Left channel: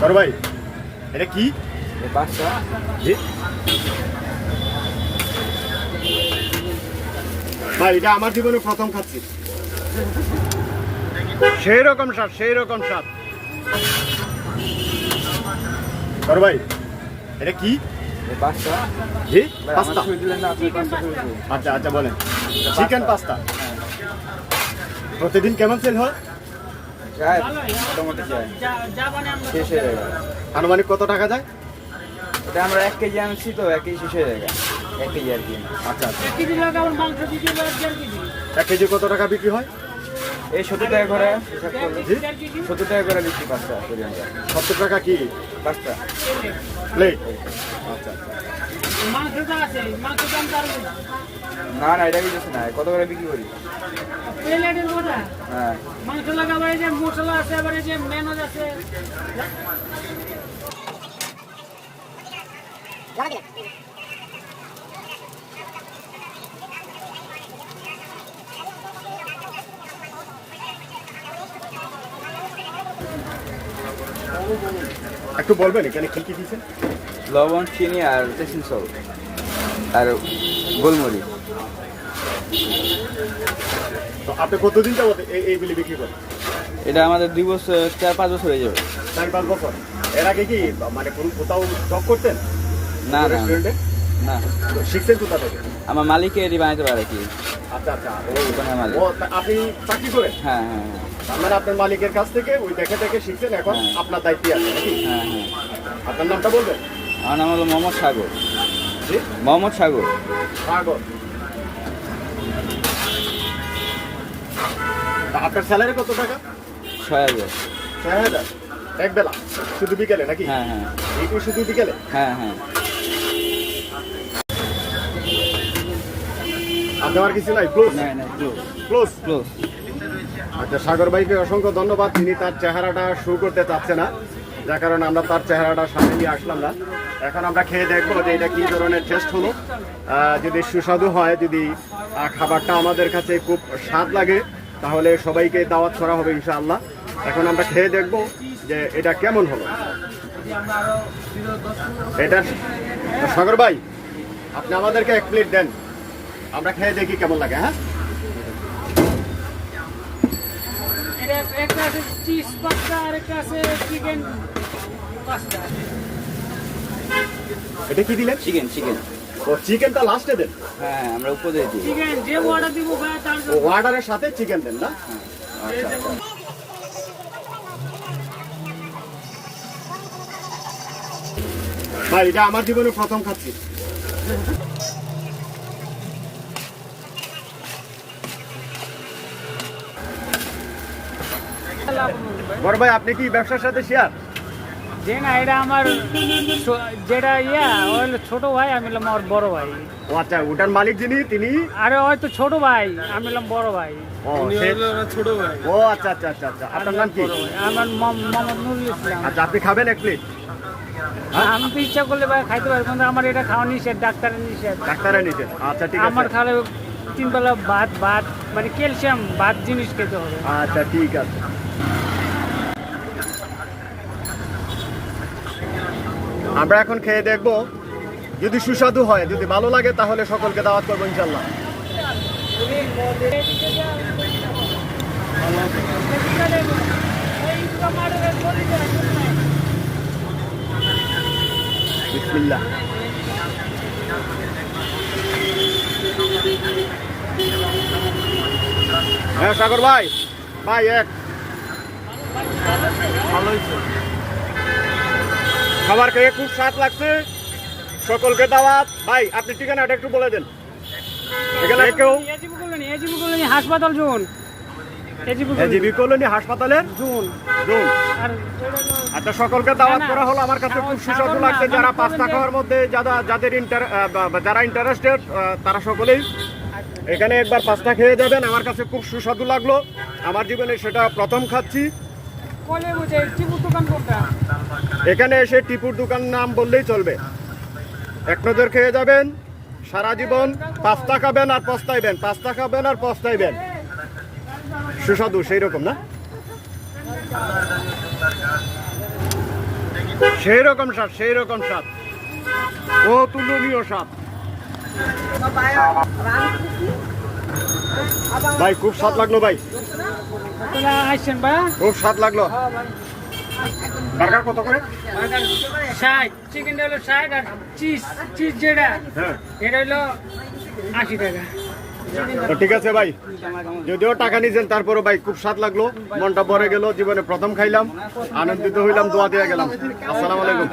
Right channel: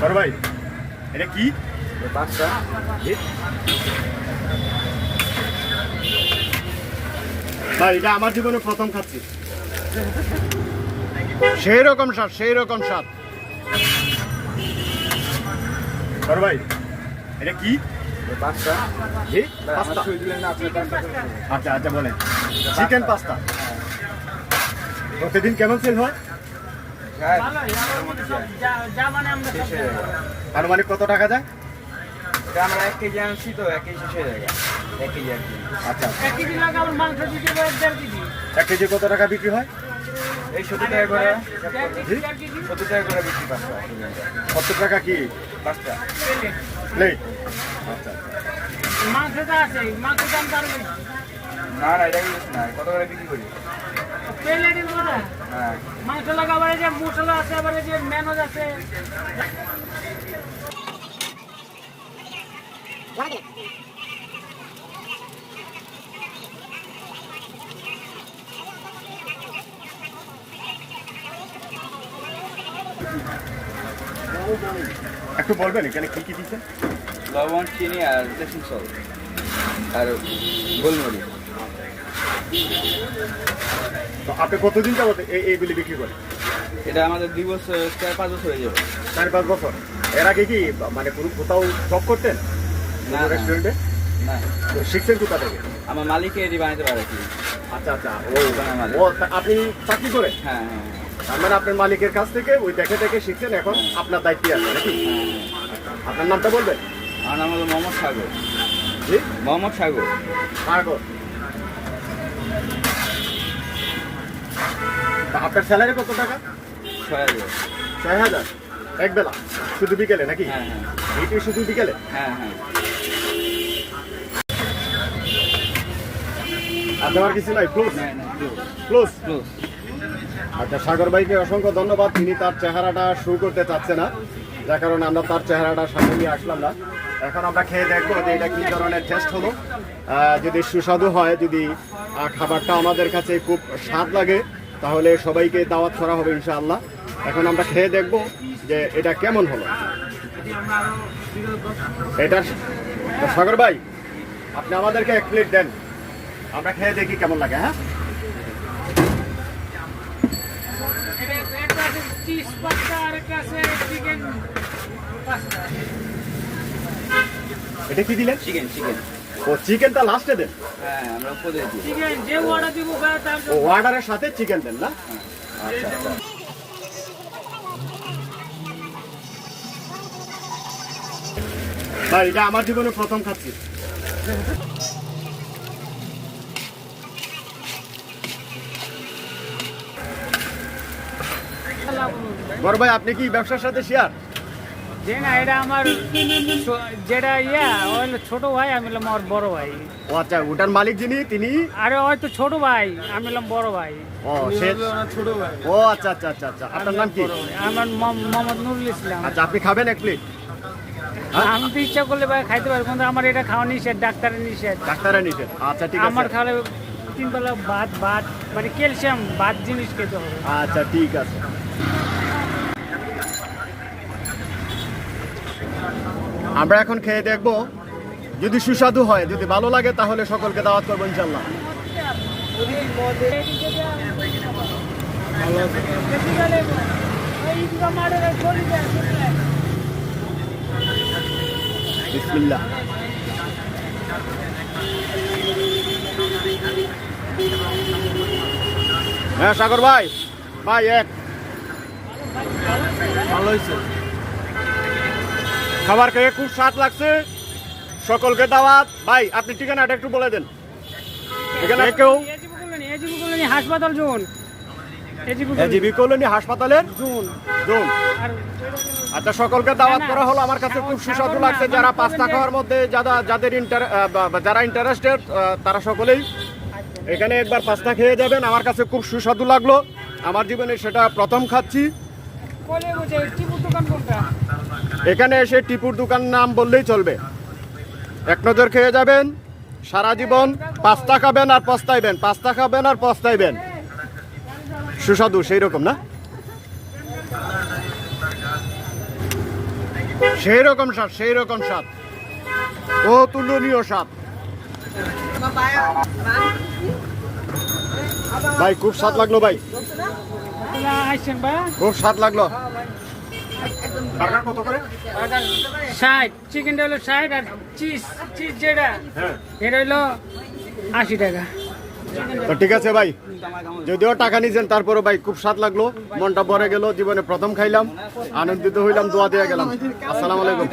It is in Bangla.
বড় ভাই এটা কি? বাচ্চা? ভাই এটা আমার জীবনে প্রথম খাচ্ছি। সেই রকম স্বাদ সেই রকম স্বাদ। বড় ভাই এটা কি? পাস্তা। দিলেন। আচ্ছা আচ্ছা বলেন। চিকেন পাস্তা প্রতিদিন কেমন সেল হয়। শেষ হয়ে যায়। আনুমানিক কত টাকা যায়? এটা আমরা এক কেজি আনছি তো এক কেজি শেষ হয়ে যায় এক কেজি আর কি। আচ্ছা আচ্ছা। এক কেজি কত টাকা বিক্রি হয়? এই সত্তর টাকা করে। কেজি সত্তর টাকা করে বিক্রি পাঁচটা। সত্তর টাকা কি? পাঁচটা। প্লেট। আচ্ছা আচ্ছা। মাংসটা আছে মাংস দাম তার বেশি। না না এটা কিছু না। কত করে বিক্রি করি? হ্যাঁ মাংস লাগাবার এই যে মশলা আছে আবার যে মেনজ আছে। একটু বলবেন এখানে কি কি দিচ্ছেন লবণ চিনি আর টেসিং সল্ট আর গোলমরিচ। তো আপনি কতদিন যাবত এই এইগুলি বিক্রি করেন? এটা আমাদের দুই বছর চার পাঁচ বছর হয়ে যাবে। চার পাঁচ বছর। এর আগে কি মানে কোনো কোথাও জব করতেন? না। রেস্টুরেন্টে না। তো শিখছেন কোথা থেকে? আমার মালিককে এটি বানাতে পারে কি? আচ্ছা আচ্ছা। ওই ও আপনি চাকরি করেন? হ্যাঁ হ্যাঁ তার মানে আপনার মালিকের কাছ থেকে ওই দেখে দেখে শিখছেন এখন আপনার দায়িত্বে আছে নাকি? হ্যাঁ হ্যাঁ। আপনার নামটা বলবেন? আমার নাম হলো মোহাম্মদ সাগর। জি? মোহাম্মদ সাগর। সাগর। আপনার স্যালারি কত টাকা? ছয় হাজার। ছয় হাজার? এক বেলা শুধু বিকেলে নাকি? হ্যাঁ হ্যাঁ। শুধু বিকেলে? হ্যাঁ হ্যাঁ। আর দেওয়ার কিছু নাই? ক্লোজ ক্লোজ আচ্ছা সাগর ভাইকে অসংখ্য ধন্যবাদ। তিনি তার চেহারাটা শো করতে চাচ্ছে না। যার কারণে আমরা তার চেহারাটা সামনে নিয়ে আসলাম না। এখন আমরা খেয়ে দেখব যে এটা কি ধরনের টেস্ট হলো। যদি সুস্বাদু হয় যদি খাবারটা আমাদের কাছে খুব স্বাদ লাগে তাহলে সবাইকে দাওয়াত করা হবে ইনশাআল্লাহ। এখন আমরা খেয়ে দেখব যে এটা কেমন হলো। এটা সাগর ভাই, আপনি আমাদেরকে এক প্লেট দেন। আমরা খেয়ে দেখি কেমন লাগে হ্যাঁ? এটা কি দিলেন? চিকেন চিকেন ও চিকেনটা লাস্টে দেন। হ্যাঁ আমরা উপর দিই। চিকেন যে অর্ডার দিব ভাই তার ও অর্ডারের সাথে চিকেন দেন না? আচ্ছা আচ্ছা। ভাই এটা আমার জীবনে প্রথম খাচ্ছি। বড় ভাই আপনি কি ব্যবসার সাথে শেয়ার যে না এটা আমার ছো- যেটা ইয়া ও হলো ছোট ভাই আমি হলাম আমার বড় ভাই। ও আচ্ছা ওটার মালিক যিনি তিনি? আরে হয়তো ছোট ভাই আমি হলাম বড় ভাই। ও সে ও আচ্ছা আচ্ছা আচ্ছা আচ্ছা। আপনার নাম কি? আমার মম- মোহাম্মদ নুরুল ইসলাম। আচ্ছা আপনি খাবেন এক প্লেট? আমি তো ইচ্ছা করলে ভাই খাইতে পারব কিন্তু আমার এটা খাওয়া নিষেধ ডাক্তারের নিষেধ। ডাক্তারে নিছেন আচ্ছা ঠিক আমার আছে। খালে তিন বেলা ভাত ভাত মানে ক্যালসিয়াম ভাত জিনিস খেতে হবে। আচ্ছা ঠিক আছে। আমরা এখন খেয়ে দেখব। যদি সুস্বাদু হয়, যদি ভালো লাগে, তাহলে সকলকে দাওয়াত করব ইনশাল্লাহ হ্যাঁ সাগর ভাই ভাই, এক। ভালো হয়েছে। খাবার খেয়ে খুব স্বাদ লাগছে। সকলকে দাওয়াত। ভাই আপনি ঠিকানাটা একটু বলে দেন। এখানে কেউ হাসপাতাল জোন। AGB GB colony. হাসপাতালের জোন। জোন। আচ্ছা সকলকে দাওয়াত করা হলো। আমার কাছে খুব সুস্বাদু লাগছে। যারা পাস্তা খাওয়ার মধ্যে যারা যাদের ইন্টার যারা ইন্টারেস্টেড তারা সকলেই এখানে একবার পাস্তা খেয়ে যাবেন। আমার কাছে খুব সুস্বাদু লাগল। আমার জীবনে সেটা প্রথম খাচ্ছি। কলে বুঝে কোনটা? এখানে এসে টিপুর দোকান নাম বললেই চলবে। এক নজর খেয়ে যাবেন সারা জীবন পাস্তা খাবেন আর পস্তাইবেন পাস্তা খাবেন আর পস্তাইবেন। সুস্বাদু সেই রকম না? সেই রকম স্বাদ সেই রকম স্বাদ। ও তুলনীয় স্বাদ। ভাই খুব স্বাদ লাগল ভাই। ভাইয়া খুব স্বাদ লাগল। বার্গার কত করে? ষাট। চিকেনটা হলো ষাট আর চিজ চিজ যেটা হ্যাঁ। এটা হলো আশি টাকা। তো ঠিক আছে ভাই যদিও টাকা নিয়েছেন তারপরে ভাই খুব স্বাদ লাগল মনটা ভরে গেল জীবনে প্রথম খাইলাম আনন্দিত হইলাম দোয়া দিয়ে গেলাম। আসসালামু আলাইকুম।